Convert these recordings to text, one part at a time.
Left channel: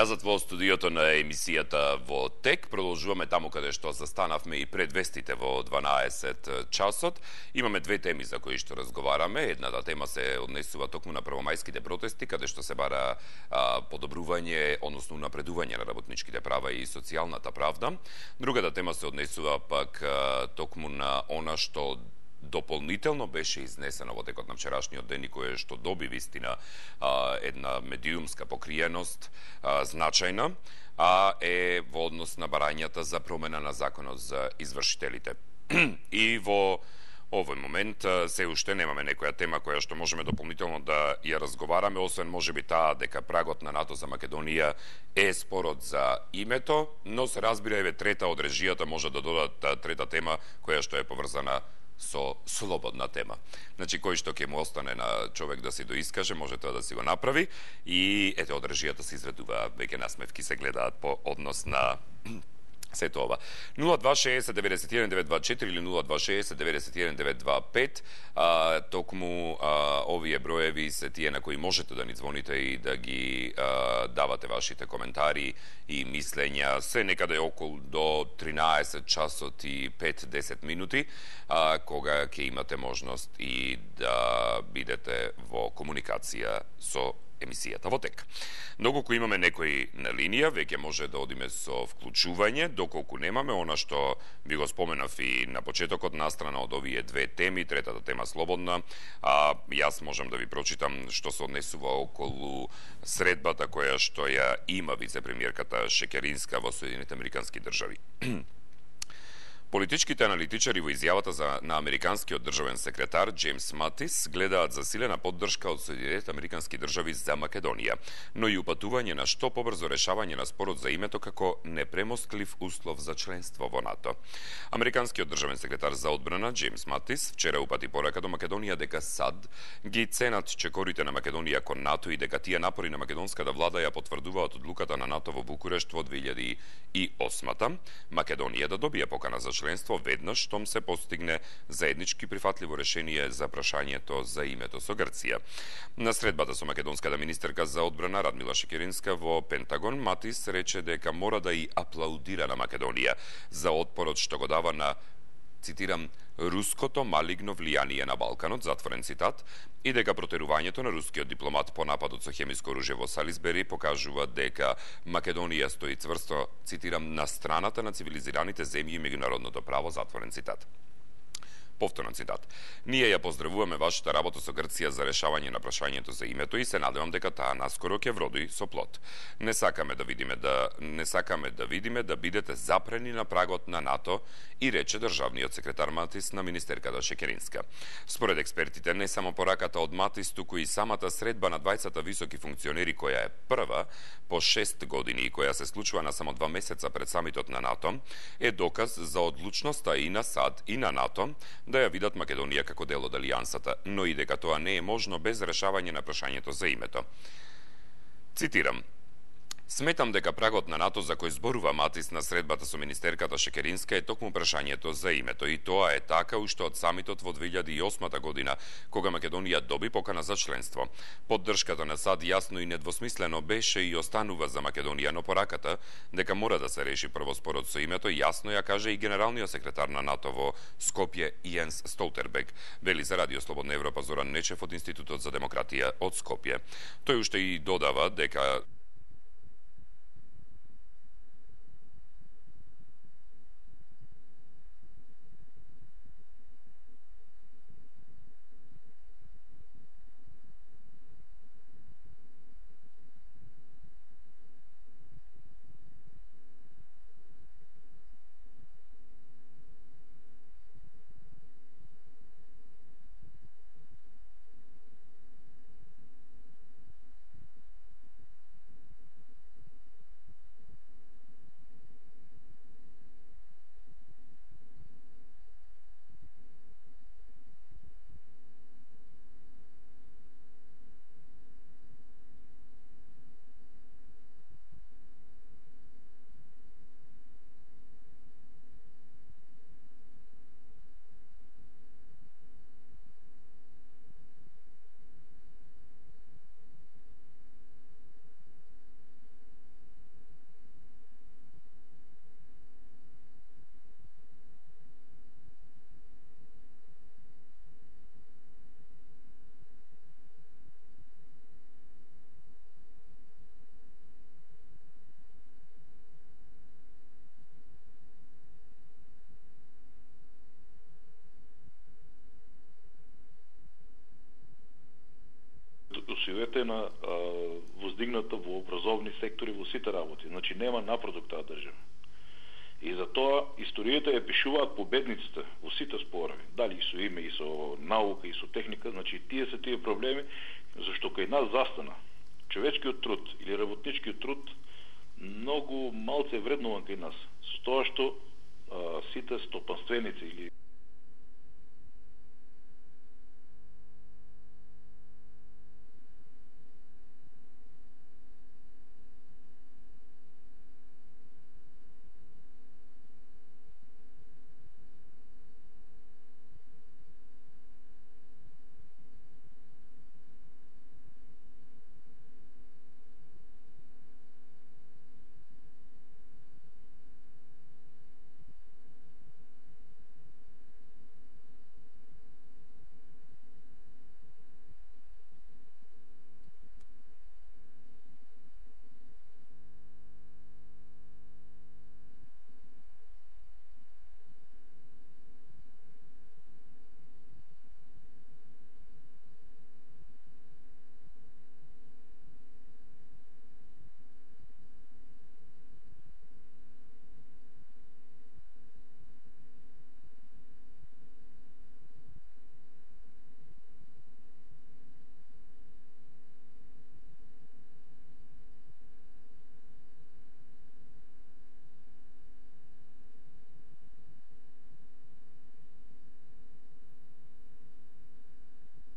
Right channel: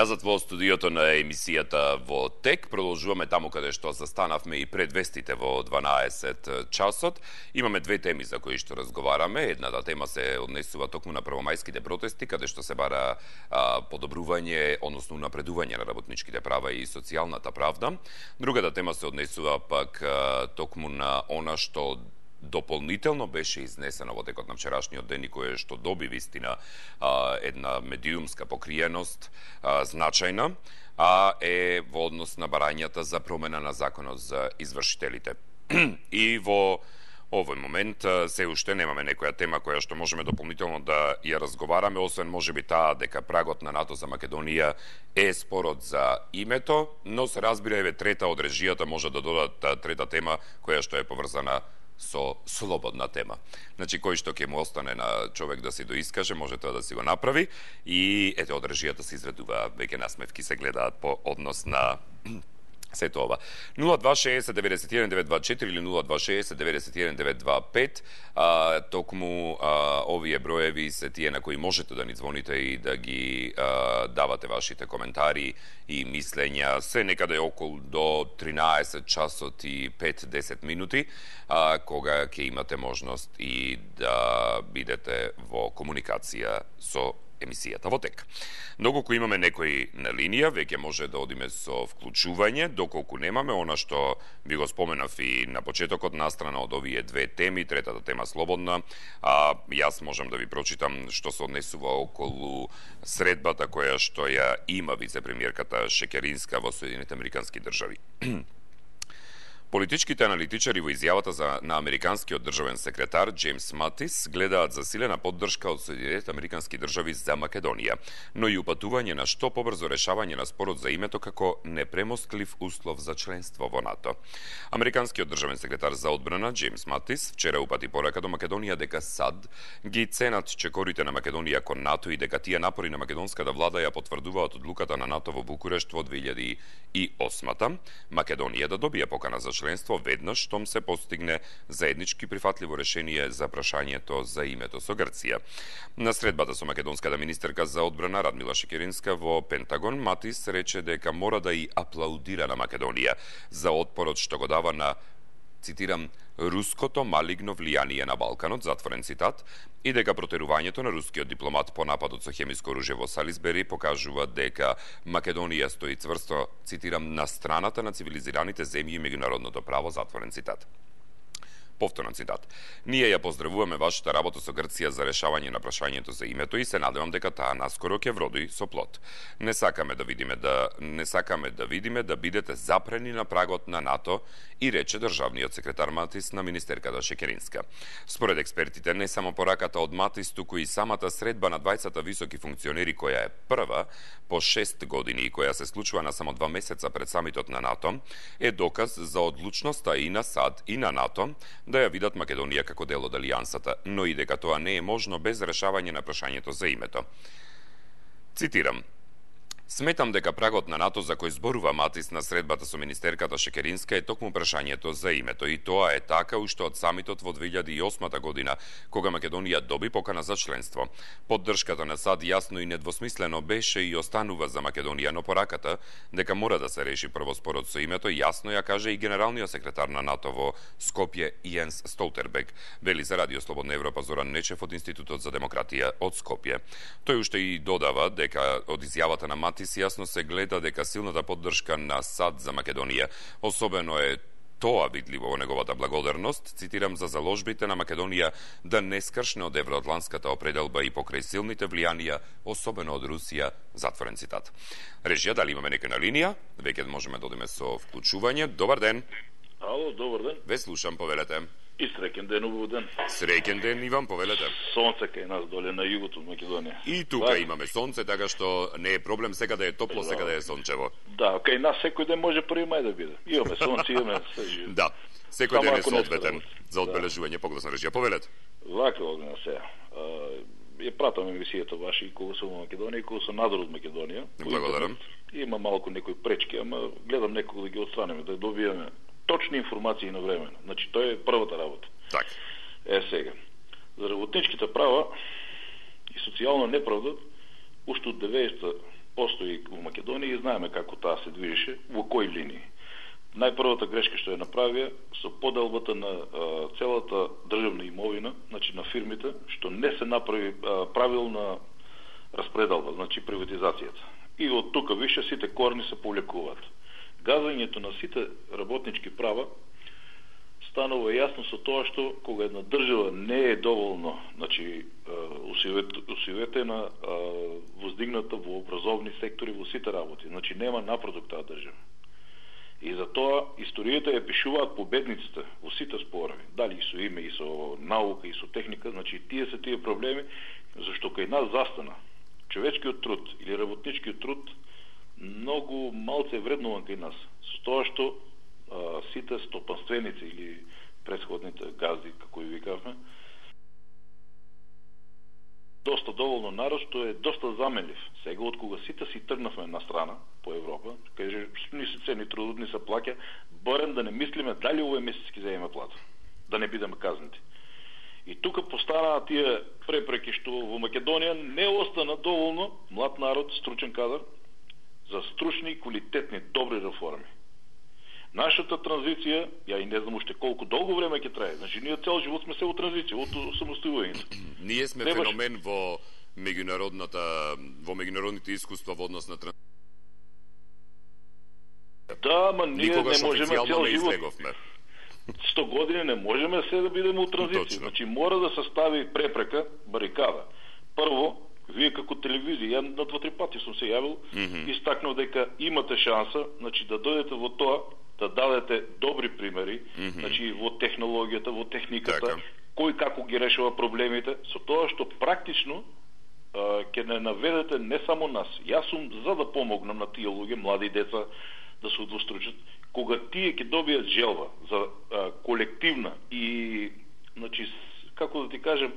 Назад во студиото на емисијата во ТЕК, продолжуваме таму каде што застанавме и пред вестите во 12 часот. Имаме две теми за кои што разговараме. Едната тема се однесува токму на првомајските протести, каде што се бара подобрување, односно напредување на работничките права и социјалната правда. Другата тема се однесува пак токму на она што дополнително беше изнесено во текот на вчерашниот ден и кое што доби вистина една медиумска покриеност значајна, а е во однос на барањата за промена на законот за извршителите. И во овој момент се уште немаме некоја тема која што можеме дополнително да ја разговараме, освен можеби таа дека прагот на НАТО за Македонија е спорот за името, но се разбира еве трета од режијата може да додат трета тема која што е поврзана со слободна тема. Значи, кој што ќе му остане на човек да си доискаже, може тоа да си го направи. И ете, од режијата се изведува, веќе насмевки се гледаат по однос на сето ова. 0260-91-924 или 0260-91-925. Токму овие броеви се тие на кои можете да ни звоните и да ги давате вашите коментари и мислења. Се некаде околу до 13 часот и 5-10 минути, кога ќе имате можност и да бидете во комуникација со емисијата во ТЕК. Доколку имаме некои на линија, веќе може да одиме со вклучување, доколку немаме, она што би го споменав и на почетокот, настрана од овие две теми, третата тема слободна, јас можам да ви прочитам што се однесува околу средбата која што ја има вице-премиерката Шекеринска во Соединените Американски држави. Политичките аналитичари во изјавата на американскиот државен секретар Джеймс Матис гледаат засилена поддршка од Соединетите Американски држави за Македонија, но и упатување на што побрзо решавање на спорот за името како непремостлив услов за членство во НАТО. Американскиот државен секретар за одбрана Джеймс Матис вчера упати порака до Македонија дека САД ги ценат чекорите на Македонија кон НАТО и дека тие напори на македонската влада ја потврдуваат одлуката на НАТО во Букурешт во 2008 Македонија да добие покана за членство веднаш штом се постигне заеднички прифатливо решение за прашањето за името со Грција. На средбата со македонската министерка за одбрана Радмила Шекеринска во Пентагон, Матис рече дека мора да и аплаудира на Македонија за отпорот што го дава на, цитирам, руското малигно влијание на Балканот, затворен цитат, и дека протерувањето на рускиот дипломат по нападот со хемиско оружје во Салисбери покажува дека Македонија стои цврсто, цитирам, на страната на цивилизираните земји и меѓународното право, затворен цитат. Повторен цитат. Ние ја поздравуваме вашата работа со Грција за решавање на прашањето за името и се надевам дека таа наскоро ќе вроди со плод. Не сакаме да видиме да бидете запрени на прагот на НАТО, и рече државниот секретар Матис на министерката Шекеринска. Според експертите, не само пораката од Матис, туку и самата средба на двајцата високи функционери, која е прва по 6 години и која се случува на само 2 месеца пред самитот на НАТО, е доказ за одлучноста и на САД и на НАТО да ја видат Македонија како дел од алијансата, но и дека тоа не е можно без решавање на прашањето за името. Цитирам: Сметам дека прагот на НАТО за кој зборува Матис на средбата со министерката Шекеринска е токму прашањето за името, и тоа е така уште од самитот во 2008 година, кога Македонија доби покана за членство. Поддршката на САД јасно и недвосмислено беше и останува за Македонија, но пораката дека мора да се реши прво спорот со името јасно ја каже и генералниот секретар на НАТО во Скопје Јенс Столтербег, вели за Радио Слободна Европа Зоран Нечев од Институтот за демократија од Скопје. Тој уште и додава дека од изјавата на Матис јасно се гледа дека силната поддршка на САД за Македонија, особено е тоа видливо во неговата благодарност, цитирам, за заложбите на Македонија да не скршне од евроатлантската определба и покрај силните влијанија, особено од Русија, затворен цитат. Режија, дали имаме нека на линија? Веќе можеме да одиме со вклучување. Добар ден. Ало, добар ден. Ве слушам, повелете. И среќен ден, убав ден. Среќен ден, Иван, повелете. Сонце кај нас доле на југот од Македонија. И тука имаме сонце, така што не е проблем, сега да е топло, сега да е сончево. Да, кај нас секој ден може 1 мај да биде. Имаме сонце, имаме се. Да, секој ден е соодветен за одбележување погласна режија. Повелете. Вака огна се. Ја пратам емисијата ваша и кога сум во Македонија и кога сум надор од Македонија. Благодарам. Има малку некои пречки, ама гледам некога да ги отстранеме, да добиеме точни информации на време. Значи, тоа е првата работа. Так. Сега. За работничките права и социјална неправда, уште од 90-та постои во Македонија и знаеме како таа се движеше, во кои линии. Најпрвата грешка што ја направија со поделбата на целата државна имовина, значи на фирмите, што не се направи правилна распределба, значи приватизацијата. И од тука више сите корни се повлекуваат. Газањето на сите работнички права станува јасно со тоа што кога една држава не е доволно, значи усиветена, воздигната во образовни сектори во сите работи, значи нема напредок таа држава. И затоа историјата ја пишуваат победниците во сите спорови, дали и со име, и со наука, и со техника, значи тие се тие проблеми, зашто кај нас застана човечкиот труд или работничкиот труд многу малце вреднуван кај нас, со тоа што сите стопанственици или претходните газди, како и викавме, доста доволно народ што е доста заменлив. Сега од кога сите си тргнавме на страна по Европа, каже ни се цени трудот, ни се плаќа, барем да не мислиме дали овој месец ќе земеме плата, да не бидеме казнати. И тука постанаа тие препреки што во Македонија не остана доволно млад народ, стручен кадар за стручни, квалитетни, добри реформи. Нашата транзиција, ја и не знам уште колку долго време ќе трае. Значи ние цел живот сме се во транзиција, од самостојувањето. Ние сме феномен во меѓународните искуства во однос на Да, ма ние никогаш не можеме цел не живот. излеговме. 100 години не можеме се да бидеме у транзиција. Точно. Значи мора да се стави препрека, барикада. Прво, вие како телевизија, ја на 2-3 пати сум се јавил, истакнав дека имате шанса, значи да дојдете во тоа, да дадете добри примери, значи во технологијата, во техниката, така, кој како ги решава проблемите, со тоа што практично ќе не наведете не само нас. Јас сум за да помогнам на тие луѓе, млади деца, да се удвостручат, кога тие ќе добијат желба за колективна и, значи, како да ти кажем,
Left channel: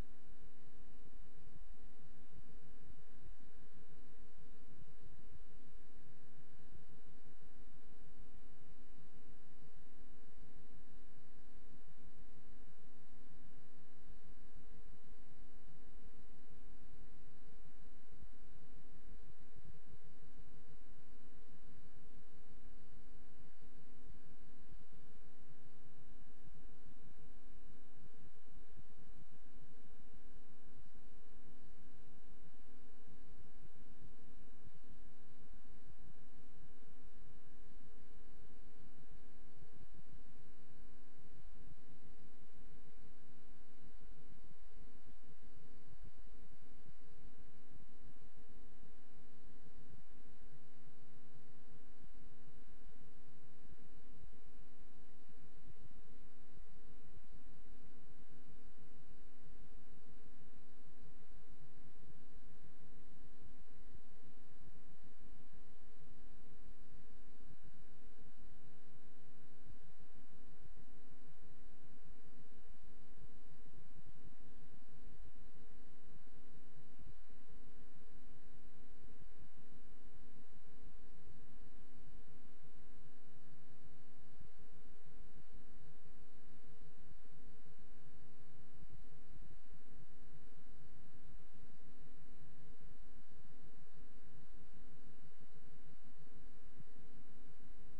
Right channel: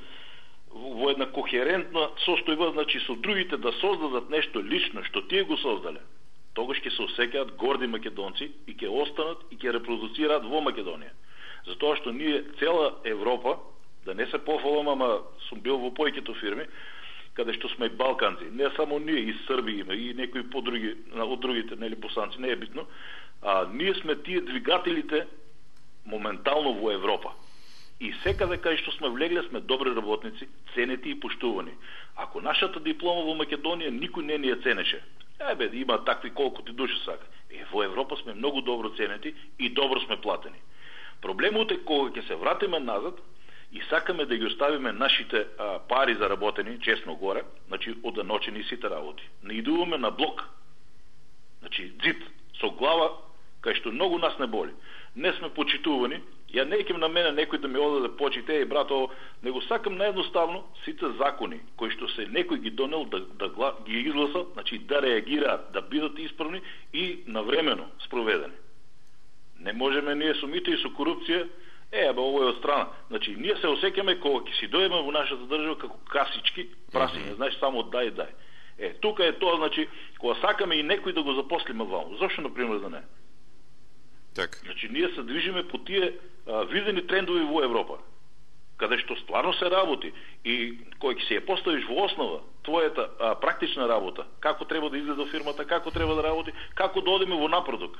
во една кохерентна состојба, значи со другите да создадат нешто лично што тие го создале, тогаш ќе се осеќаат горди македонци и ќе останат и ќе репродуцираат во Македонија. Затоа што ние цела Европа, да не се пофалам, ама сум бил во појкето фирми, каде што сме и балканци, не само ние, и Срби има, и некои подруги, од другите, нели босанци, не е битно, ние сме тие двигателите моментално во Европа. И секаде кај што сме влегле сме добри работници, ценети и поштувани. Ако нашата диплома во Македонија никој не ни ја ценеше, има такви колку ти души сака. Во Европа сме многу добро ценети и добро сме платени. Проблемот е кога ќе се вратиме назад и сакаме да ги оставиме нашите пари заработени, честно горе, значи оданочени сите работи. Не идуваме на блок. Значи дзид, со глава, кај што многу нас не боли. Не сме почитувани. Ја не еким на мене некој да ми одаде почите, и брато, него сакам наедноставно сите закони кои што се некој ги донел да ги изгласа, значи да реагираат, да бидат исправни и навремено спроведени. Не можеме ние со мито и со корупција, ово е од страна. Значи ние се осеќаме кога ќе си дојдеме во нашата држава како касички, прасиња, значи само дај. Тука е тоа, значи кога сакаме и некој да го запослиме ваму. Зошто на пример да не? Так. Значи ние се движиме по тие видени трендови во Европа, каде што стварно се работи и кој ќе се ја поставиш во основа твојата практична работа, како треба да изгледа фирмата, како треба да работи, како да одиме во напредок.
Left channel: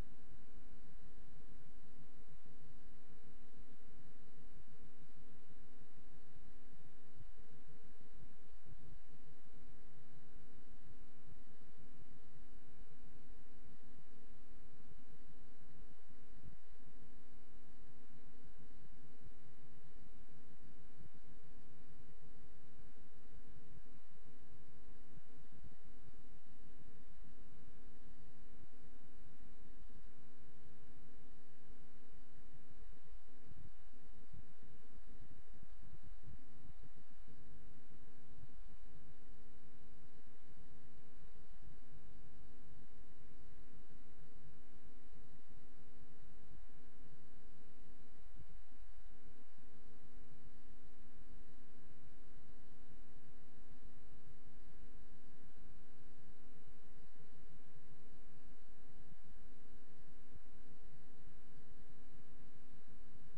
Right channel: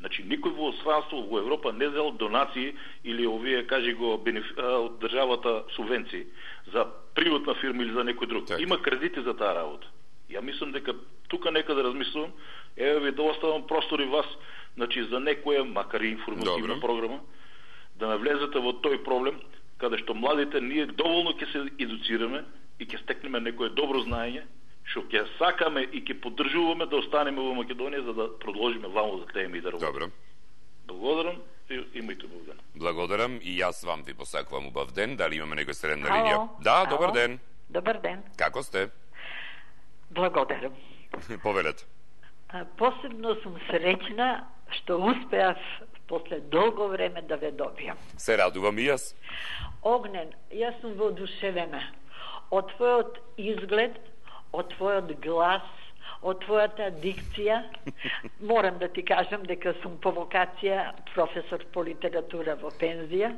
Значи никој во странство во Европа не зел донации или овие кажи го од државата субвенции за приватна фирма или за некој друг. Так. Има кредити за таа работа. Ја мислам дека тука нека да размислувам, ви да оставам простор и вас, значи за некоја, макар и информативна програма, да навлезете во тој проблем, каде што младите ние доволно ќе се едуцираме и ќе стекнеме некое добро знаење, што ќе сакаме и ќе поддржуваме да останеме во Македонија за да продолжиме ваму да теме и да работиме. Добро. Благодарам и имајте убав ден. Благодарам и јас вам ви посакувам убав ден. Дали имаме некој среден на линија? Ало. Да, добар ден. Добар ден. Како сте? Благодарам. Повелете. Посебно сум среќна што успеав после долго време да ве добијам. Се радувам и јас. Огнен, јас сум воодушевена од твојот изглед, од твојот глас, од твојата дикција. Морам да ти кажам дека сум по вокација професор по литература во пензија.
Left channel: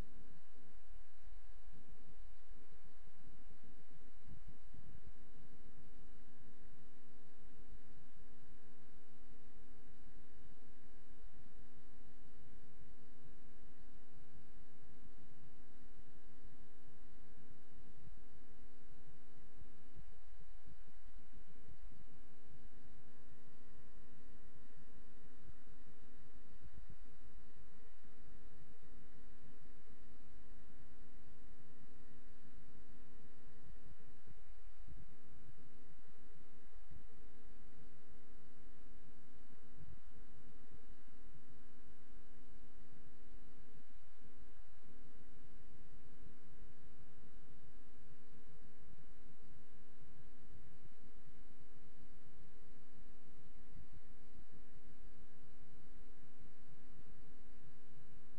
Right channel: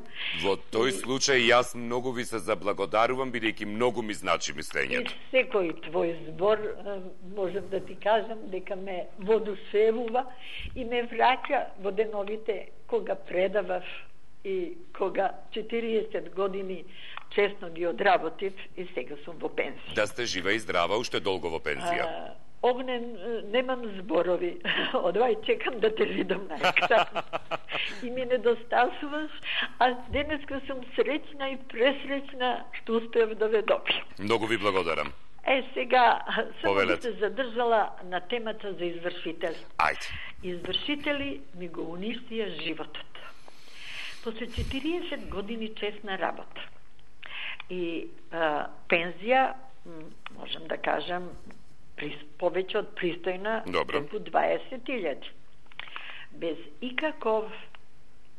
Во тој случај јас многу ви се заблагодарувам, бидејќи многу ми значи мислењето. И секој твој збор можам да ти кажам дека ме воодушевува и ме враќа во деновите кога предавав и кога 40 години честно ги одработив и сега сум во пензија. Да сте жива и здрава, уште долго во пензија. Огнен, немам зборови. Одвај чекам да те видам на екран. И ми недостасуваш, а денеска сум среќна и пресреќна што успеав да ве добијам. Многу ви благодарам. Сега само би се задржала на темата за извршители. Ајде. Извршители ми го уништија животот. После 40 години честна работа и пензија, можам да кажам, повеќе од пристојна, преку 20.000. Без икаков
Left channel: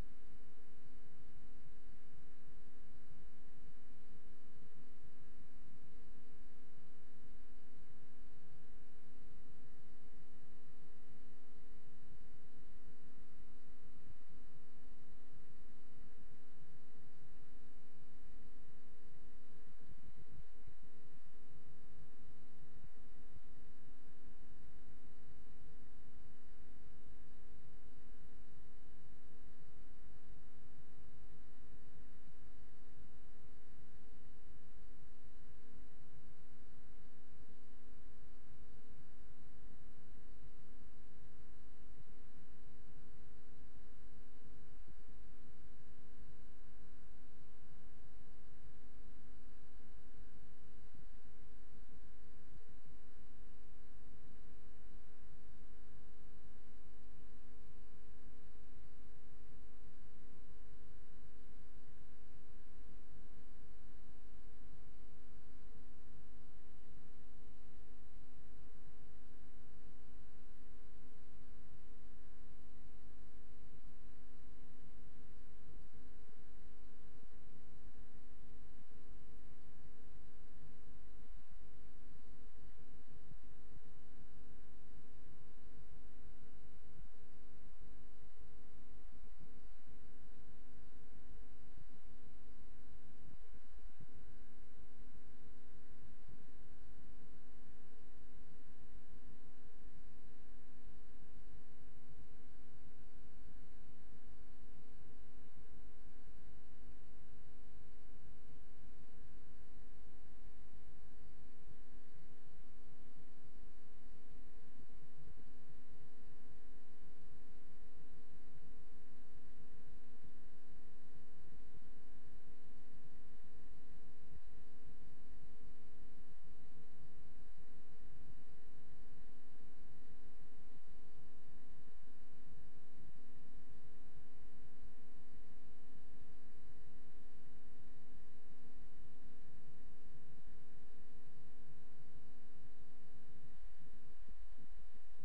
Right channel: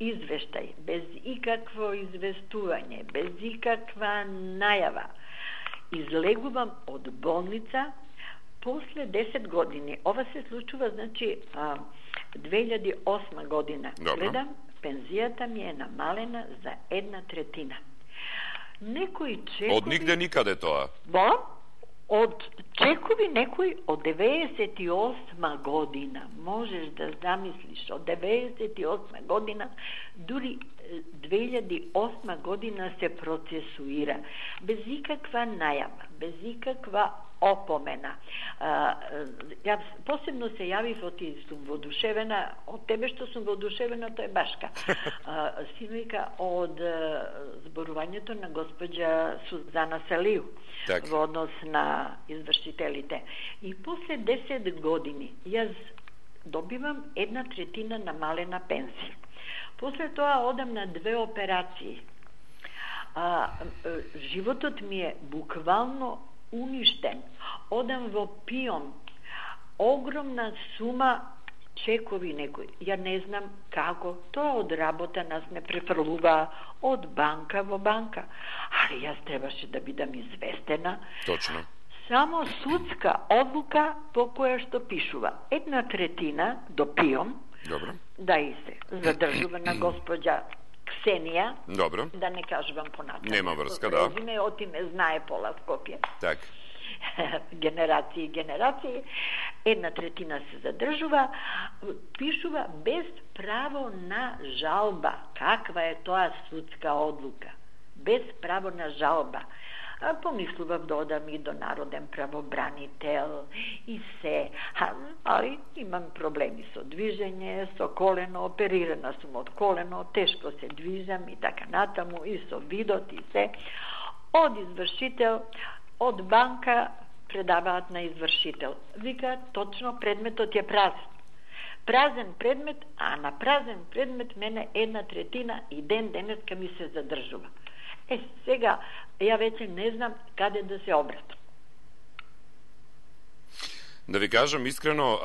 извештај, без икакво известување, без ikakva најава, излегувам од болница после 10 години. Ова се случува, значи, 2008 година. Гледам, пензијата ми е намалена за 1/3. Некои чекови... Од нигде никаде тоа? Од чекови некои од 98 година. Можеш да замислиш, од 98 година, дури 2008 година се процесуира. Без ikakva најава, без ikakva опомена. Јас посебно се јавив од и сум воодушевена, од тебе што сум воодушевена, тоа е Башка. Синујка од зборувањето на госпоđа Сузана Салију во однос на извршителите. И после 10 години јас добивам 1/3 намалена пензија. После тоа одам на 2 операции. Животот ми е буквално уништен. Одам во пион. Огромна сума чекови некои. Ја не знам како. Тоа од работа нас ме префрлува од банка во банка. Али јас требаше да бидам известена. Точно. Само судска одлука по која што пишува 1/3 до пион. Добро. Да и се задржува на госпоđа Ксенија. Добро. Да не кажувам понатаму. Нема врска, да. Резиме, отиме знае пола Скопје. Так. Генерации и генерации. 1/3 се задржува, пишува без право на жалба. Каква е тоа судска одлука? Без право на жалба. Помислував да одам и до народен правобранител и се, али имам проблеми со движење, со колено, оперирана сум од колено, тешко се движам и така натаму, и со видот и се. Од извршител, од банка предаваат на извршител. Вика, точно предметот е празен. Празен предмет, а на празен предмет мене 1/3 и денеска ми се задржува. Сега, ја веќе не знам каде да се обратам. Да ви кажам искрено,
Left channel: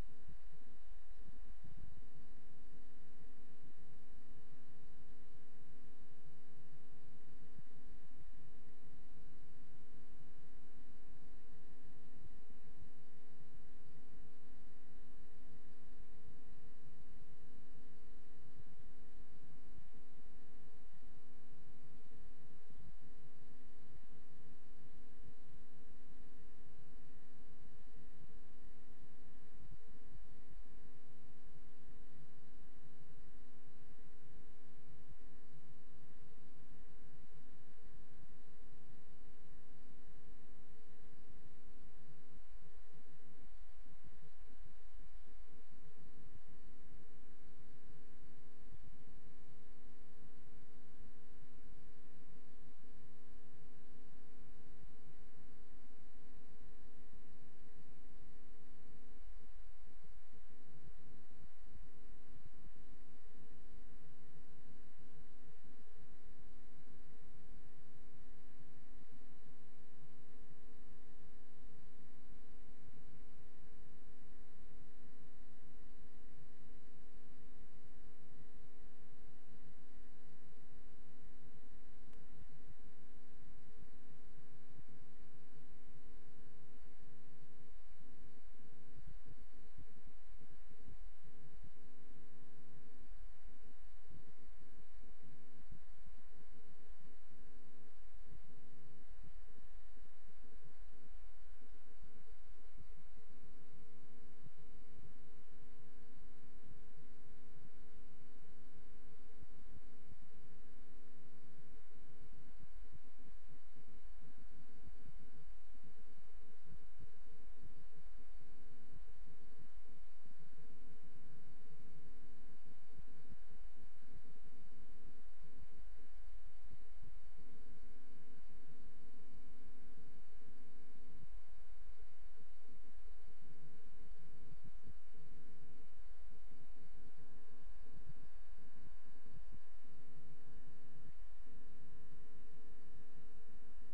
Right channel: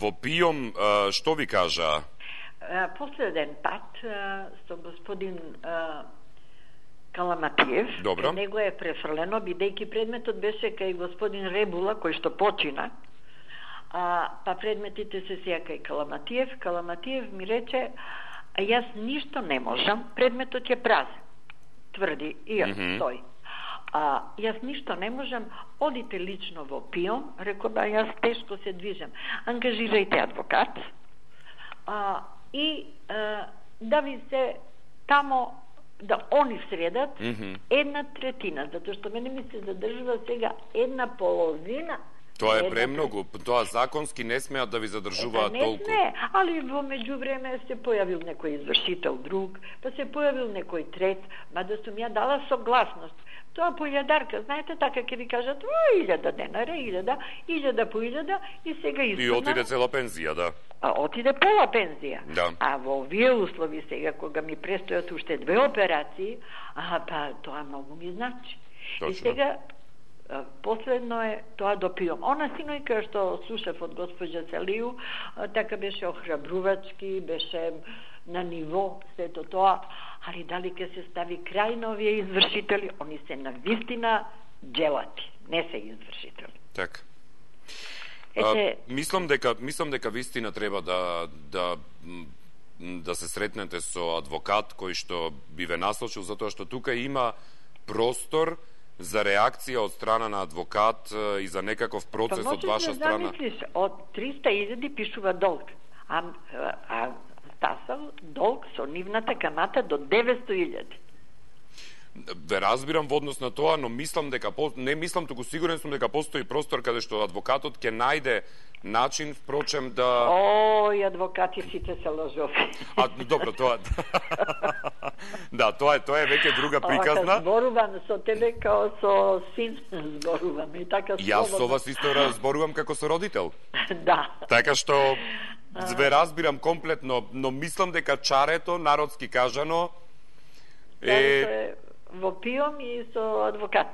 во ПИОМ, што ви кажа? Последен пат со господин Каламатиев, Добро. него е префрлено, бидејќи предметот беше кај господин Ребула, кој што почина, па предметите се сеја кај Каламатиев. Каламатиев ми рече, јас ништо не можам, предметот е празен. Тврди, и јас стои. Јас ништо не можам, одите лично во ПИОМ, реко да јас тешко се движам. Ангажирајте адвокат и да ви се тамо да они средат 1/3, затоа што мене ми се задржува сега 1/2. Тоа е премногу, тоа законски не смеат да ви задржуваат толку. Не, али во меѓувреме се појавил некој извршител друг, па се појавил некој трет, мада сум ја дала согласност. Тоа по илјадарка, знаете, така ќе ви кажат, 1000 денари, 1000 по 1000 и сега испадна. И отиде цела пензија, да. Отиде пола пензија. Да. А во овие услови сега, кога ми престојат уште 2 операции, па тоа многу ми значи. Точно. И сега последно е тоа до ПИОМ. Она синојка што слушав од госпоđа Салију, така беше охрабрувачки, беше на ниво сето тоа, али дали ќе се стави крај на овие извршители, они се навистина джелати, не се извршители. Така. Мислам дека вистина треба да се сретнете со адвокат кој што би ве наслушал, затоа што тука има простор за реакција од страна на адвокат и за некаков процес од ваша страна. Па можеш да замислиш, од 300.000 пишува долг, а стасал долг со нивната камата до 900.000. Ве разбирам во однос на тоа, но мислам дека не мислам, туку сигурен сум дека постои простор каде што адвокатот ќе најде начин, впрочем, да... Ој, адвокати сите се лажови. Добро, тоа... Да, тоа е веќе друга приказна. Зборувам со тебе као со син зборувам и така слободно. Јас со вас исто разборувам како со родител. Да. Така што ве разбирам комплетно, но мислам дека чарето, народски кажано, е во пиом и со адвокат.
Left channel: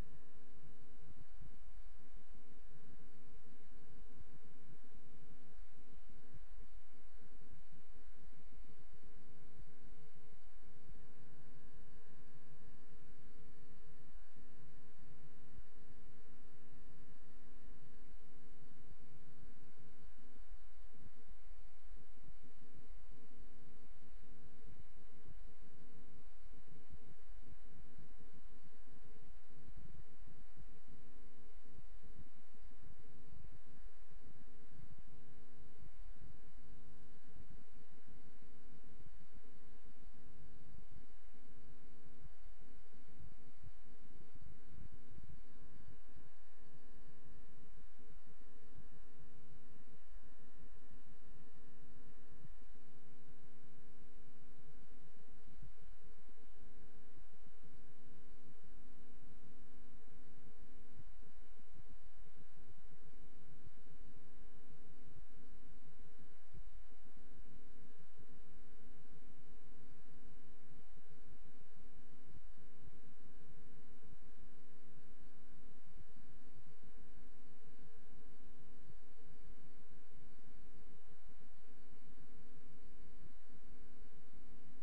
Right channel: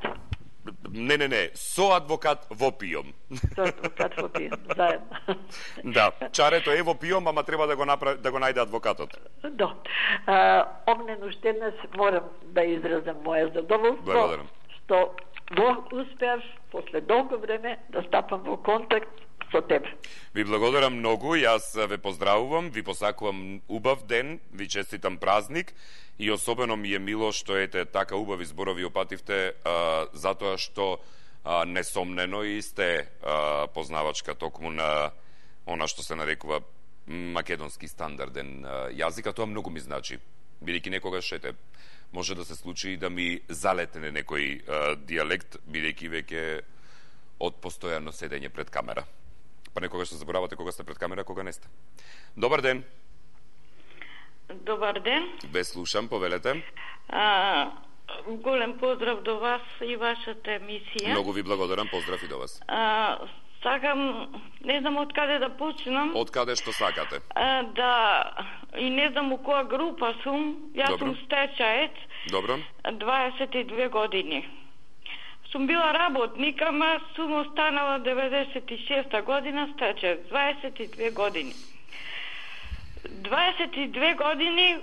Не, со адвокат во пиом. Со адвокат во пиом, заедно. Да, чарето е во пиом, ама треба да го најде адвокатот. Да. Огнен уште еднаш морам да изразам моје задоволство. Благодарам. Што успеав после долго време да стапам во контакт со тебе. Ви благодарам многу, јас ве поздравувам, ви посакувам убав ден, ви честитам празник и особено ми е мило што ете така убави зборови опативте, затоа што несомнено и сте познавачка токму на она што се нарекува македонски стандарден јазик, а тоа многу ми значи. Бидејќи некогаш ете може да се случи и да ми залетне некој дијалект, бидејќи веќе од постојано седење пред камера. Па некогаш се заборавате кога сте пред камера, кога не сте. Добар ден. Добар ден. Ве слушам, повелете. Голем поздрав до вас и вашата емисија. Многу ви благодарам, поздрав и до вас. Сакам, не знам од каде да почнам. Од каде што сакате? И не знам у која група сум. Јас сум стечаец. Добро. 22 години. Сум била работник, ама сум останала 96-та година стечаец. 22 години. 22 години,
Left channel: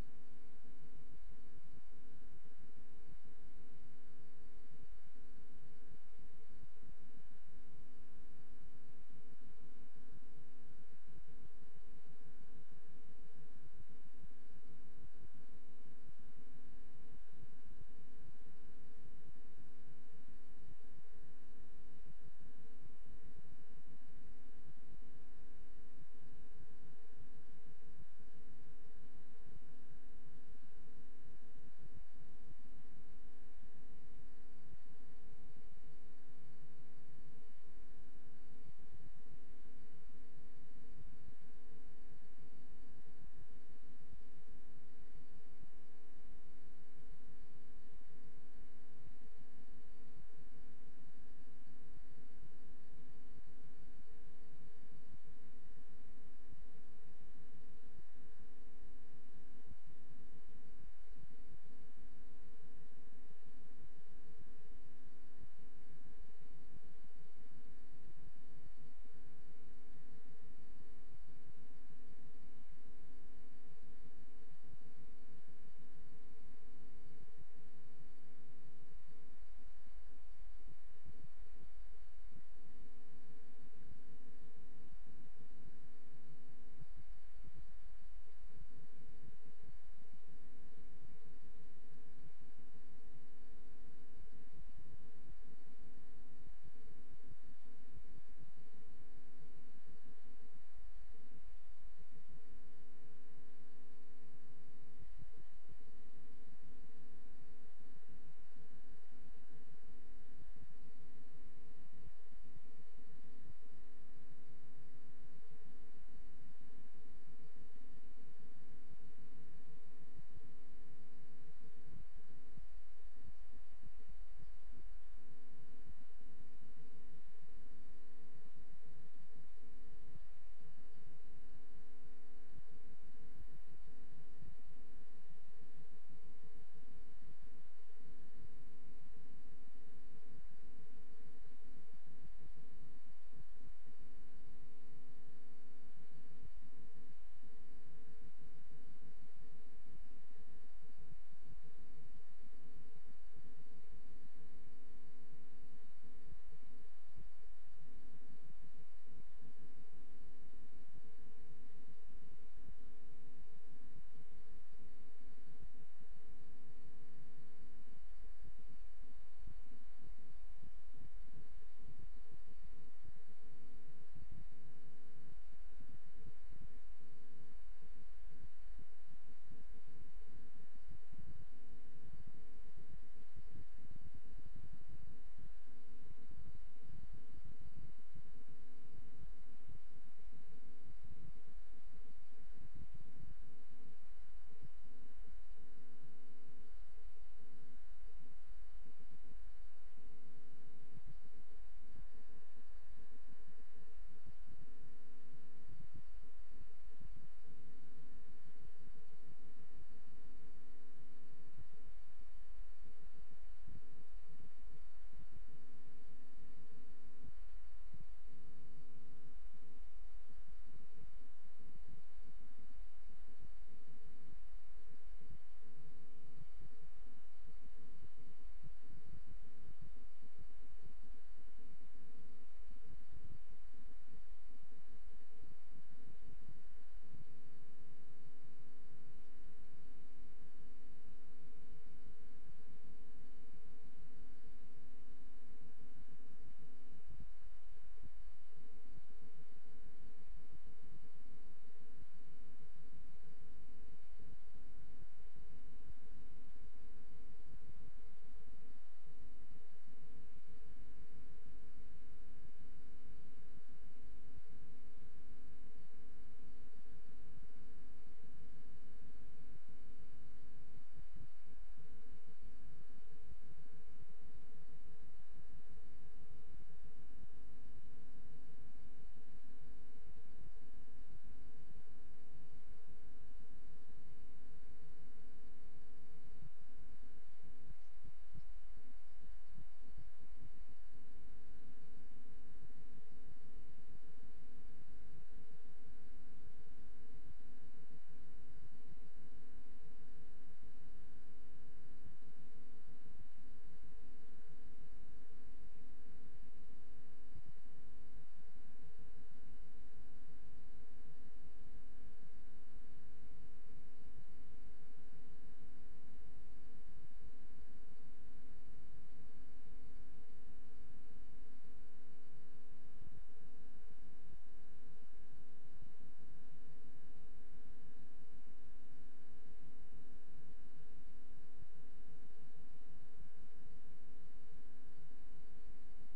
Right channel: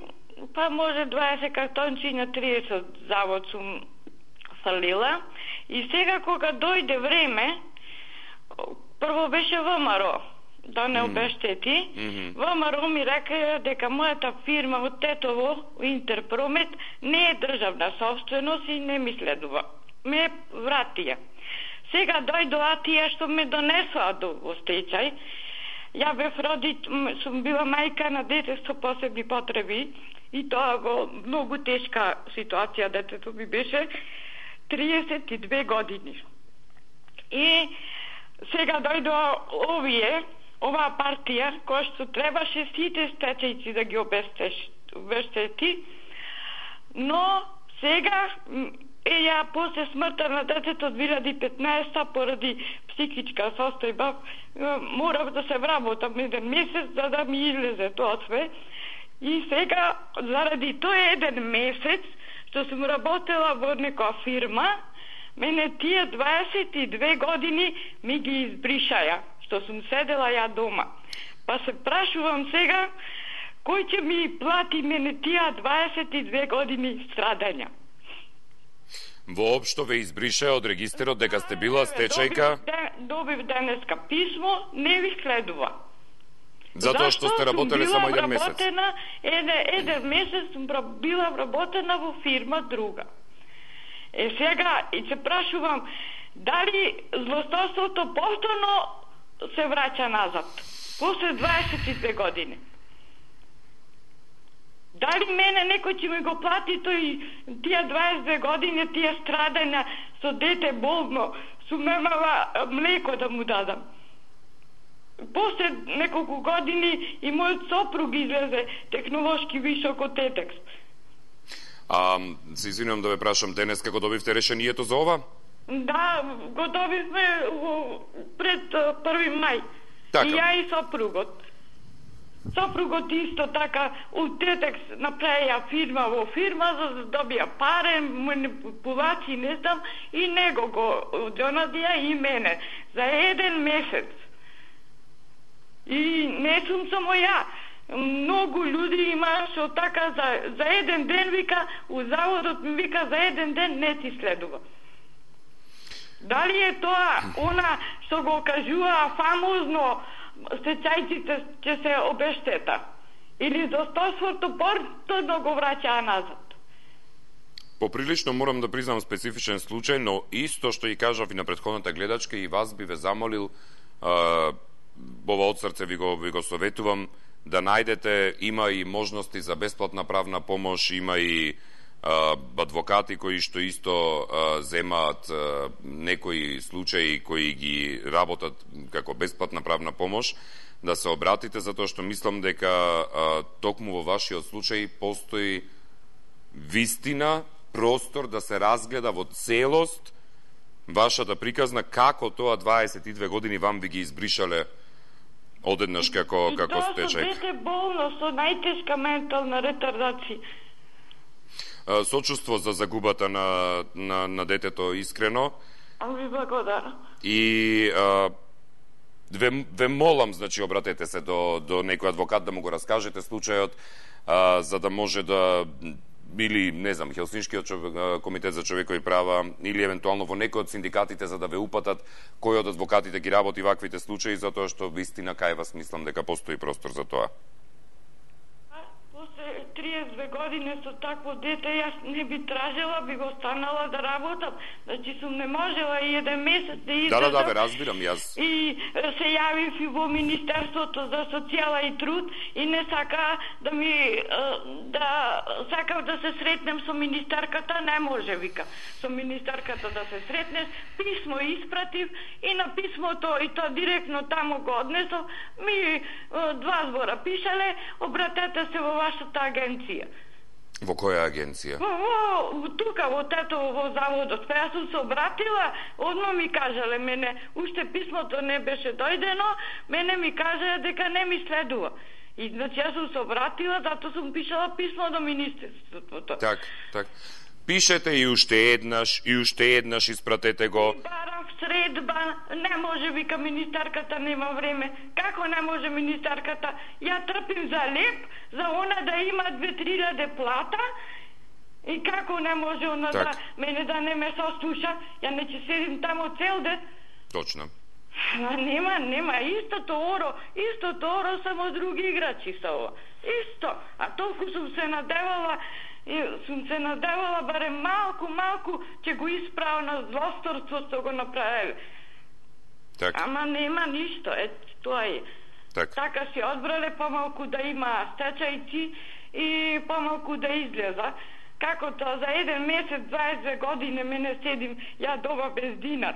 па може 20 картончи на 30 завод сум фалила. И сега кога дојде време, прво беше ВМРО, да не обештети. ВМРО ми река дека мојата фирма од Тетово, Интерпромет, не е државна собственост и не ми следува. Ме вратија. Сега дојдоа тие што ме донесоа во стечај. Ја бев сум била мајка на дете со посебни потреби и тоа во многу тешка ситуација, детето ми беше 32 години. И сега дојдоа оваа партија, која што требаше сите стечајци да ги обештети, но сега ја после смртта на детето од 2015 поради психичка состојба морав да се вработам еден месец за да ми излезе тоа све. И сега заради тој еден месец што сум работела во некоја фирма, мене тие 22 години ми ги избришаја, што сум седела ја дома. Па се прашувам сега кој ќе ми плати мене тие 22 години страдања. Воопшто ве избрише од регистерот дека сте била стечајка? Добив денеска писмо, не ви следува. Затоа што сте работеле само еден месец? Еден месец сум била вработена во фирма друга. Сега и се прашувам дали злосторството повторно се враќа назад после 22 години. Дали мене некој ќе ми го плати тие 22 години, тие страдања со дете болно, сум немала млеко да му дадам. После неколку години и мојот сопруг излезе технолошки вишок од Тетекс. Се извинувам да ве прашам, денес како добивте решението за ова? Да, го добивме пред 1 мај. Така. И ја и сопругот. Сопругот исто така у Тетекс направија фирма во фирма за да добија паре, манипулации, не знам, и него го донадија и мене за еден месец. И не сум само ја. Многу луѓе има што така за еден ден вика, у заводот ми вика за еден ден не ти следува. Дали е тоа она што го кажува фамозно стечајците ќе се обештета? Или достоинството повторно го враќаа назад? Поприлично морам да признам специфичен случај, но исто што и кажав и на претходната гледачка, и вас би ве замолил, ова од срце ви го советувам, да најдете, има и можности за бесплатна правна помош, има и адвокати кои што исто земаат некои случаи кои ги работат како бесплатна правна помош, да се обратите, затоа што мислам дека токму во вашиот случај постои вистина, простор да се разгледа во целост вашата приказна, како тоа 22 години вам би ги избришале одеднаш како стечај. И тоа со дете болно, со најтешка ментална ретардација. Сочувство за загубата на детето искрено. Ви благодарам. И ве молам, значи, обратете се до некој адвокат да му го раскажете случајот, за да може да, или, не знам, Хелсиншкиот комитет за човекови права, или евентуално во некој од синдикатите, за да ве упатат кој од адвокатите ги работи ваквите случаи, затоа што вистина кај вас мислам дека постои простор за тоа. 32 години со такво дете, јас не би тражела, би го станала да работам. Значи сум не можела и еден месец да издржам. Да, ве разбирам јас. И се јавив и во Министерството за социјала и труд и не сака да ми сакав да се сретнем со министерката, не може, вика. Со министерката да се сретнеш, писмо испратив и на писмото и то директно тамо го однесов, ми 2 збора пишале, обратете се во вашата агенција. Во која агенција? Тука, во заводот. Па јас сум се обратила, одма ми кажале мене, уште писмото не беше дојдено, мене ми кажале дека не ми следува. И значи јас сум се обратила, зато сум пишала писмо до министерството. Так. Пишете и уште еднаш испратете го. Барав средба, не може, вика министерката, нема време. Како не може министерката? Ја трпим за леп, за она да има 2-3 плата, и како не може она да мене да не ме сослуша, ја не ќе седим тамо цел ден. Точно. Нема, истото оро, само други играчи са ова. Исто, а толку сум се надевала, барем малку, ќе го исправа на злосторство што го направи. Так. Ама нема ништо, тоа е. Така си одбрале помалку да има стечајци и помалку да излеза. Како тоа за еден месец, 22 години мене седим, ја дома без динар.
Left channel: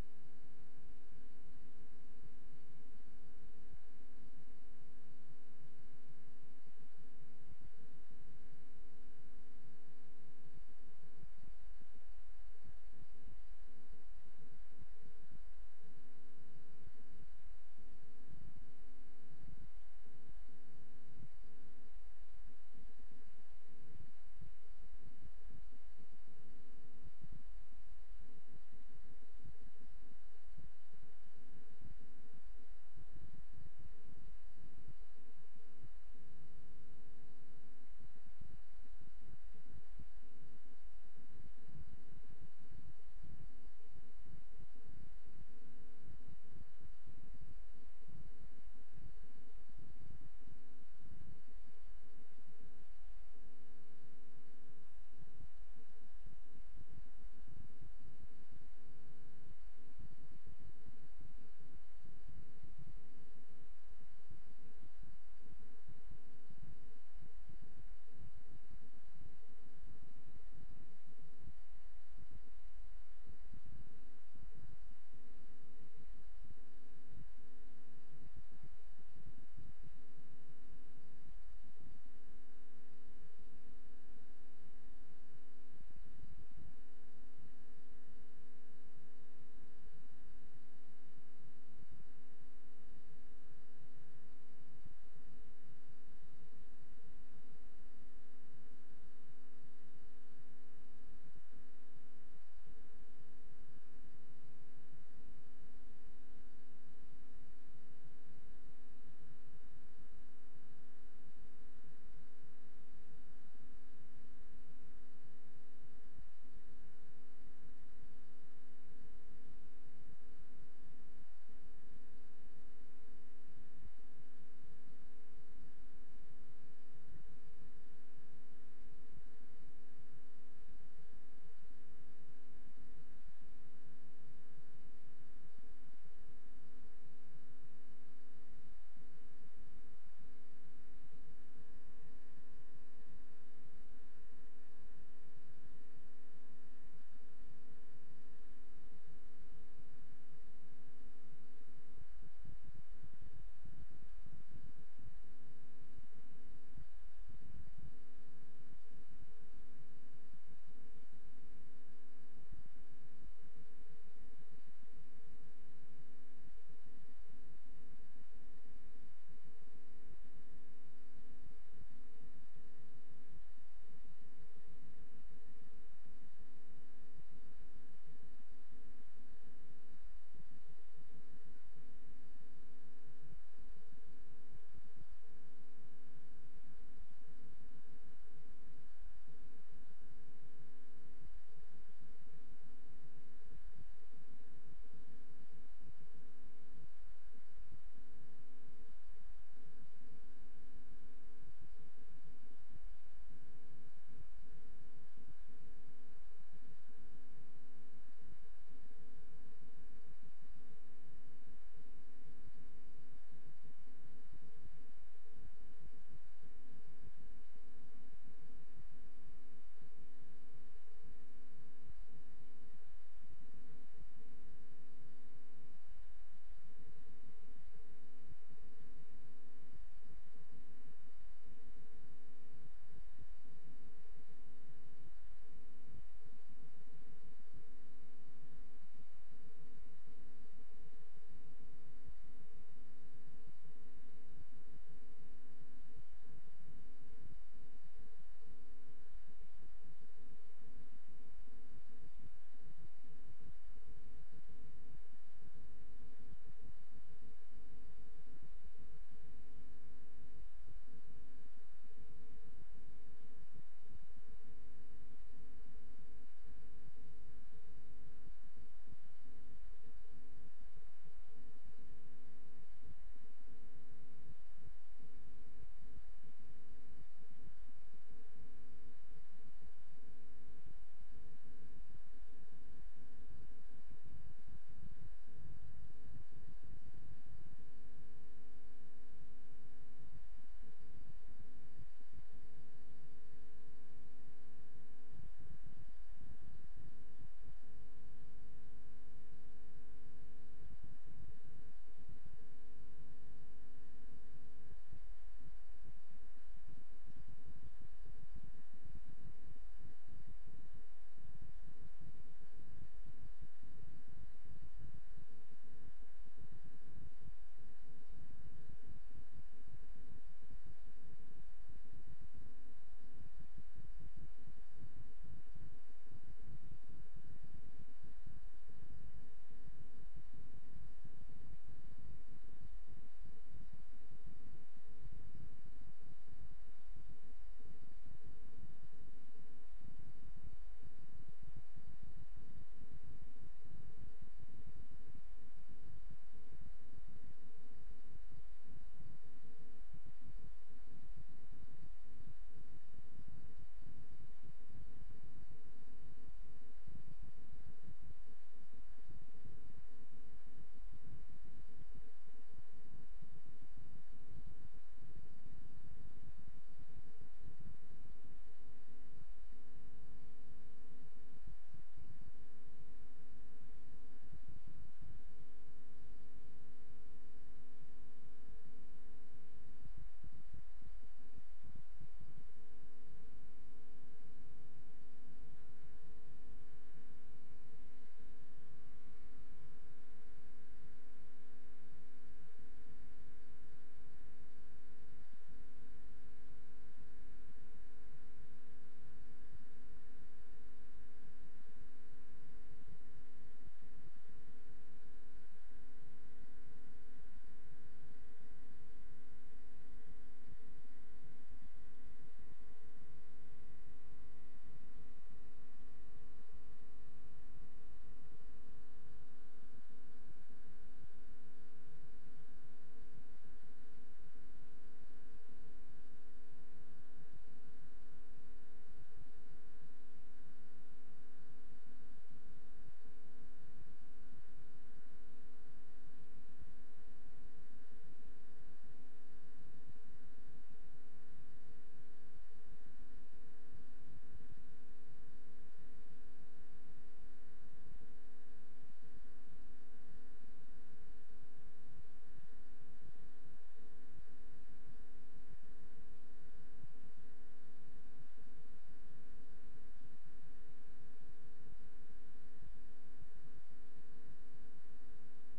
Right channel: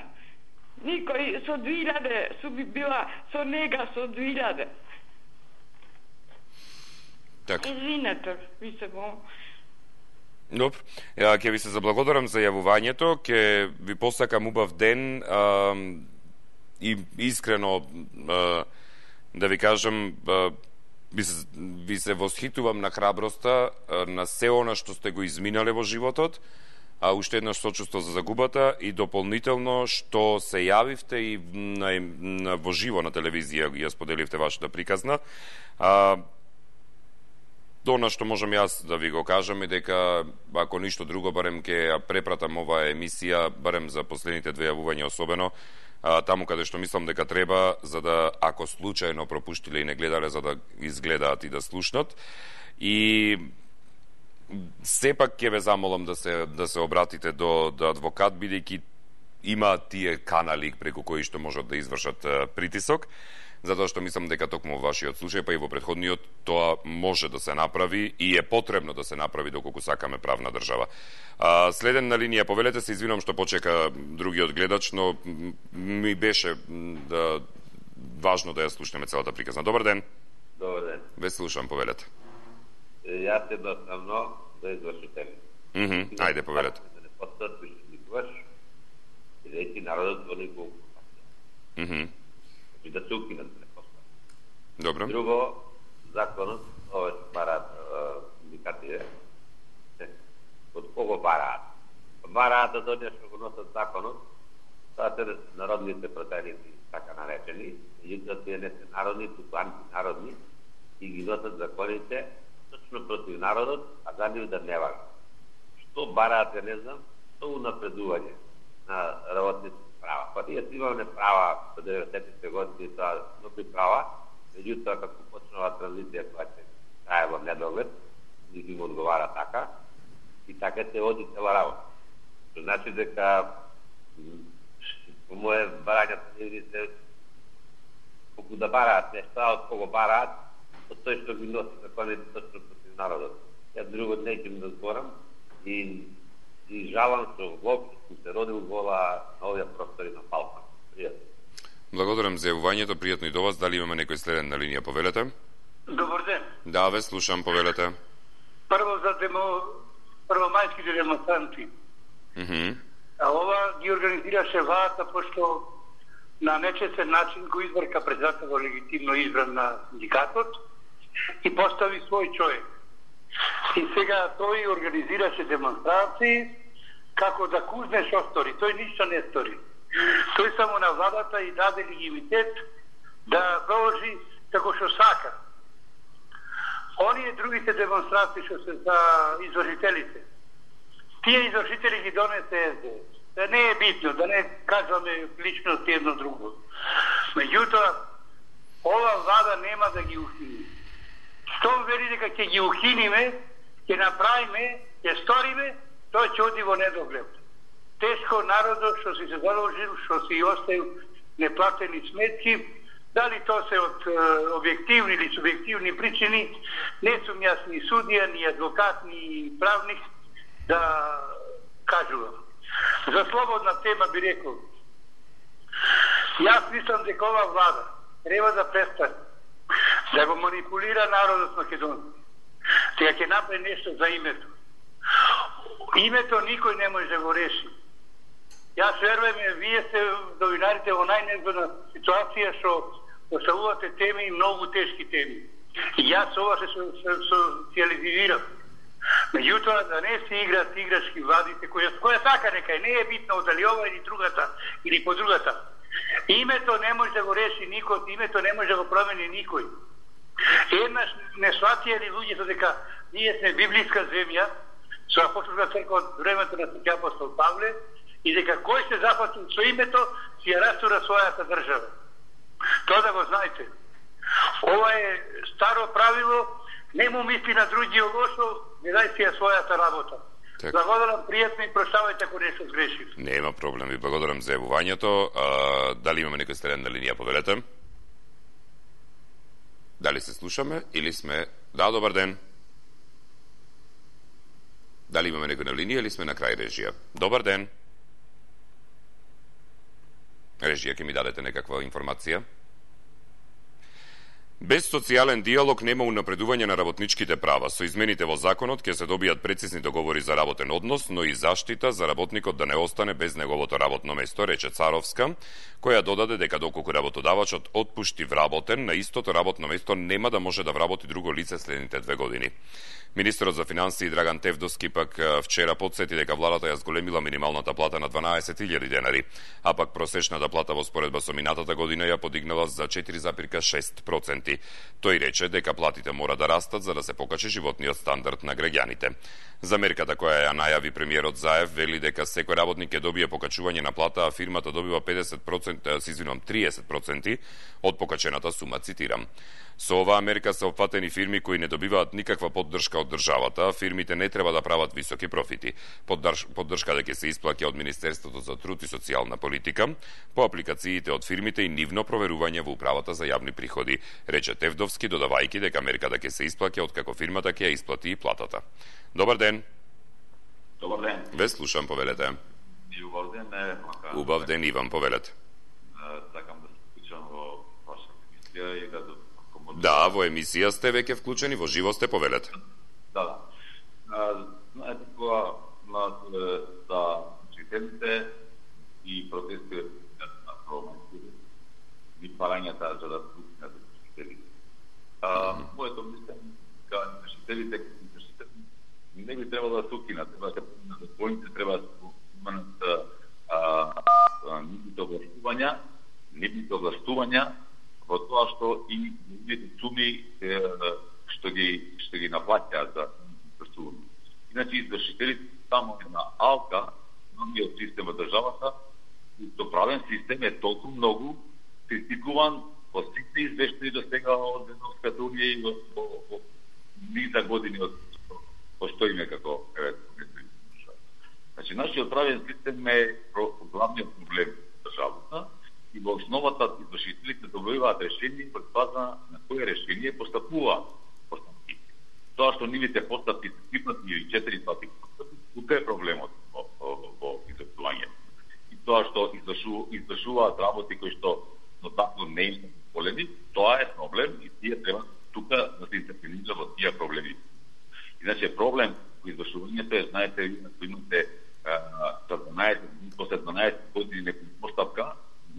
Никој со 2000 су би била со нега со 2000. Так. Извинете, ви се го... Добро. Ќе ви се заблагодарам за јавувањето, ќе ви посакам убав ден и искрено да ви кажам, ви се восхитувам на храброста, на се она што сте го изминале во животот, а уште еднаш сочувство за загубата и дополнително што се јавивте и во живо на телевизија ја споделивте вашата приказна. Она што можам јас да ви го кажам е дека, ако ништо друго, барем ќе ја препратам оваа емисија, барем за последните 2 јавувања особено, таму каде што мислам дека треба, за да, ако случајно пропуштиле и не гледале, за да изгледаат и да слушнат. И сепак ќе ве замолам да се обратите до адвокат, бидејќи има тие канали преку кои што можат да извршат притисок, затоа што мислам дека токму во вашиот случај, па и во претходниот, тоа може да се направи и е потребно да се направи доколку сакаме правна држава. Следен на линија, повелете се, извинувам што почека другиот гледач, но ми беше важно да ја слушнеме целата приказна. Добар ден. Добар ден. Ве слушам, повелете. Јас едноставно да извршитель. Ајде, повелете. Да не постат више никогаш, бидејќи народот во никога. И да се укинат да не постат. Добро. Друго, законот, овој бараат синдикатите, од кого бараат? Бараат од оние што го носат законот, тоа се народните противници, така наречени, меѓутоа тие не се народни, туку антинародни, и ги носат законите точно против народот, а за нив да не важат. Што бараат, не знам, што унапредување на работници, права. Па ние имаме права до 90-те години, тоа добри права, меѓутоа како почнува транзиција која ќе трае во недоглед, ни им одговара така, и така ќе оди цела работа. Што значи дека по моје барања телевизите, колку да бараат нешта, од кого бараат, од тој што ги носи законите точно против народот. Ја друго не ќе да зборам и жалам што воопшто се родил вола на овие простори на Балкан. Пријатно. Благодарам за јавувањето, пријатно и до вас. Дали имаме некој следен на линија, повелете? Добар ден. Да, ве слушам, повелете. Прво за првомајските демонстранти. А ова ги организираше владата, пошто на нечестен начин го избрка председател легитимно избран на синдикатот и постави свој човек. И сега тој организираше демонстрации како да кузне што стори. Тој ништо не стори. Тој само на владата и даде легитимитет да проложи како што сака. Оние другите демонстрации што се за извршителите, тие извршители ги донесе СДС. Да не е битно, да не кажуваме личности едно друго. Меѓутоа, ова влада нема да ги ухини. Штом вели дека ќе ги ухиниме, ќе направиме, ќе сториме, тој ќе оди во недоглед. Тешко народот што си се заложил, што си оставил неплатени сметки, дали то се од објективни или субјективни причини, не сум јас ни судија, ни адвокат, ни правник да кажувам. За слободна тема би рекол, јас мислам дека ова влада треба да престане да го манипулира народот македонски. Сега ќе направи нешто за името. Името никој не може да го реши. Јас верувам, вие сте новинарите во најнезгодна ситуација што поставувате теми, многу тешки теми. И јас ова се социализирам. Меѓутоа, да не се играат играчки владите, која така нека не е битно дали ова или другата, или по другата. Името не може да го реши никој, името не може да го промени никој. Еднаш не сватија ли луѓето дека ние сме библиска земја, со апостолска црква од времето на Свети апостол Павле, и дека кој се запатил со името, си ја растура својата држава. Тоа да го знаете. Ова е старо правило, не му мисли на другиот лошо, не дај си ја својата работа. Так. Благодарам, пријатно и прощавајте ако нешто сгрешив. Нема проблем, ви благодарам за јавувањето. Дали имаме некој следен на линија, повелете? Дали се слушаме или сме... Да, добар ден. Дали имаме некој на линија или сме на крај режија? Добар ден. Режија, ќе ми дадете некаква информација? Без социјален диалог нема унапредување на работничките права. Со измените во законот ќе се добијат прецизни договори за работен однос, но и заштита за работникот да не остане без неговото работно место, рече Царовска, која додаде дека доколку работодавачот отпушти вработен, на истото работно место нема да може да вработи друго лице следните 2 години. Министерот за финансии Драган Тевдовски пак вчера потсети дека владата ја зголемила минималната плата на 12.000 денари, а пак просечната плата во споредба со минатата година ја подигнала за 4,6%. Тој рече дека платите мора да растат за да се покачи животниот стандард на граѓаните. За мерката која ја најави премиерот Заев вели дека секој работник ќе добие покачување на плата, а фирмата добива 30% од покачената сума, цитирам. Со оваа мерка се опфатени фирми кои не добиваат никаква поддршка од државата, фирмите не треба да прават високи профити. Поддршка ќе се исплаќа од Министерството за труд и социјална политика по апликациите од фирмите и нивно проверување во управата за јавни приходи, рече Тевдовски, додавајќи дека мерката ќе се исплаќа откако фирмата ќе ја исплати и платата. Добар ден. Добар ден. Ве слушам, повелете. Убав ден, Убав ден, Иван, повелете. Сакам да се вклучам во вашата емисија и да... Да, во емисија сте веќе вклучени, во живо сте, повелете. Да. Знаете кога за учителите и протести на парламентите и парањата за да пуснат учителите. Моето мислење дека учителите не би требало да се укинат, треба да поминат законите, треба да се поминат нивните овластувања во тоа што и нивните суми што ги наплаќаат за извршување. Иначе извршителите само една алка, многиот систем во државата, до правен систем е толку многу критикуван во сите извештаи до сега од Европската унија и во низа години од постоиме како Значи, нашиот правен систем е главниот проблем на државата и во основата извршителите добиваат решение под база на кое решение постапуваат постапки. Тоа што нивите постапки се 3 пати или 4 пати, тука е проблемот во извршувањето. И тоа што извршуваат работи кои што но тако не е полеми, тоа е проблем и тие треба тука да се интервенира во тие проблеми. Иначе проблем во извршувањето е, знаете, ако имате после 12 години некоја постапка,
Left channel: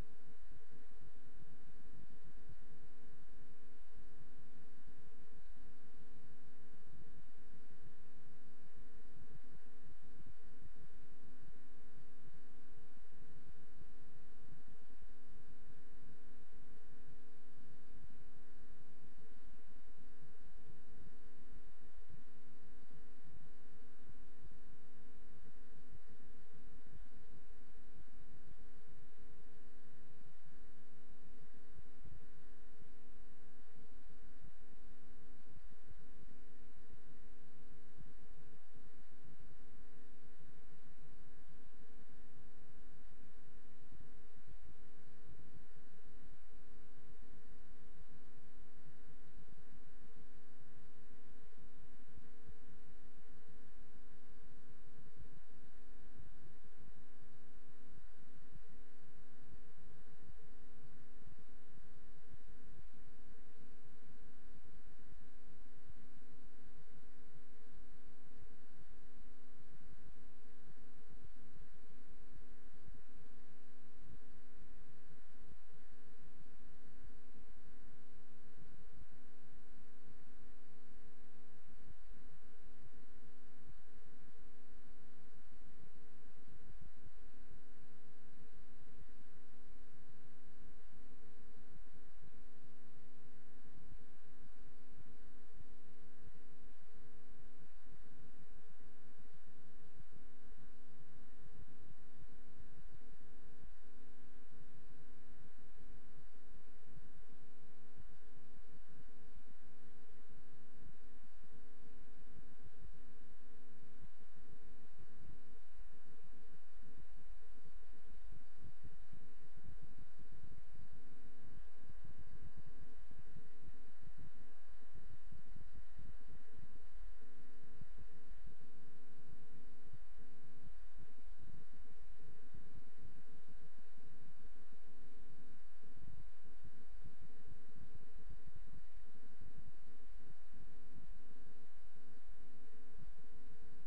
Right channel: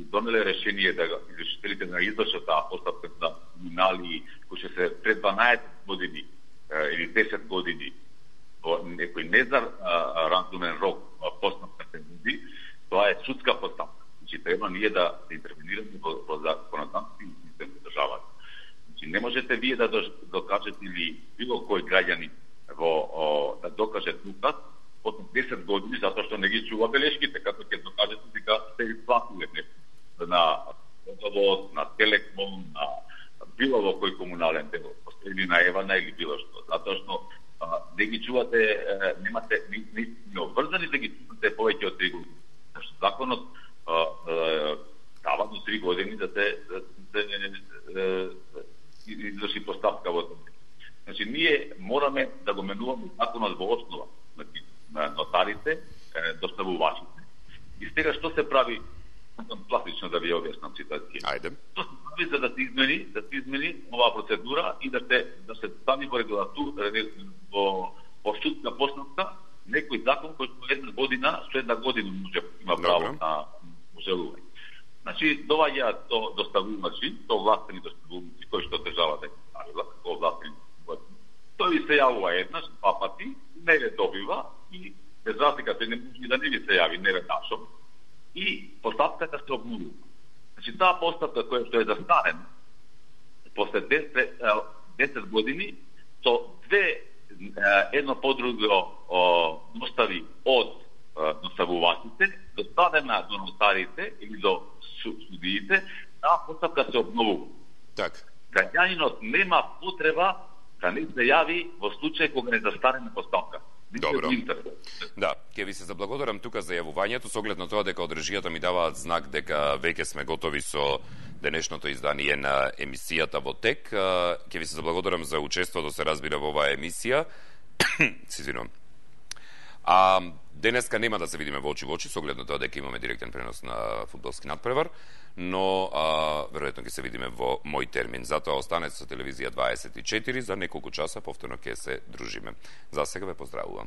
донеле решение да извршителите да извршат таа постапка за криминали кои ќе се пред 12 години или 10 години во некој незаразумен рок постапка се води, тоа е судска постапка. Значи треба ние да интервенираме во законодавствен систем во државата. Значи не можете вие да докажете или било кој граѓанин да докаже тука од 10 години затоа што не ги чува белешките, како ќе докажете дека се исплатиле нешто на водовод, на Телеком, на било во кој комунален дел, или на Евана или било што. Затоа што не ги чувате, немате не обврзани да ги чувате повеќе од 3 години. Зашто законот дава до 3 години да се изврши постапка во тоа. Значи, ние мораме да го менуваме законот во основа. Значи, нотарите, доставувачите. И сега што се прави, пластично да ви објаснам ситуација. Ајде. Што се прави за да се измени оваа процедура и да се стави во регулатура во судска постапка некој закон кој со една година може има право на ожелување. Значи, доаѓаат доставувачи, властени доставувачи кои што државата е ставила како властени доставувачи. Тој ви се јавува еднаш, 2 пати, не ве добива и без разлика тој не може да не ви се јави, не веднашом, и постапката се обновува. Значи, таа постапка која што е застарена, после 10 години, со едно по друго достави од доставувачите, доставена до нотарите или до судиите, таа постапка се обновува. Так. Граѓанинот нема потреба да не се јави во случај кога не застарена постапка. Добро. Да, ќе ви се заблагодарам тука за јавувањето, со оглед на тоа дека од режијата ми даваат знак дека веќе сме готови со денешното издание на емисијата во тек. Ќе ви се заблагодарам за учеството, се разбира, во оваа емисија. Се извинувам. Денеска нема да се видиме во очи во очи, со оглед на тоа дека имаме директен пренос на фудбалски надпревар, но веројатно ќе се видиме во мој термин. Затоа останете со телевизија 24, за неколку часа повторно ќе се дружиме. За сега ве поздравувам.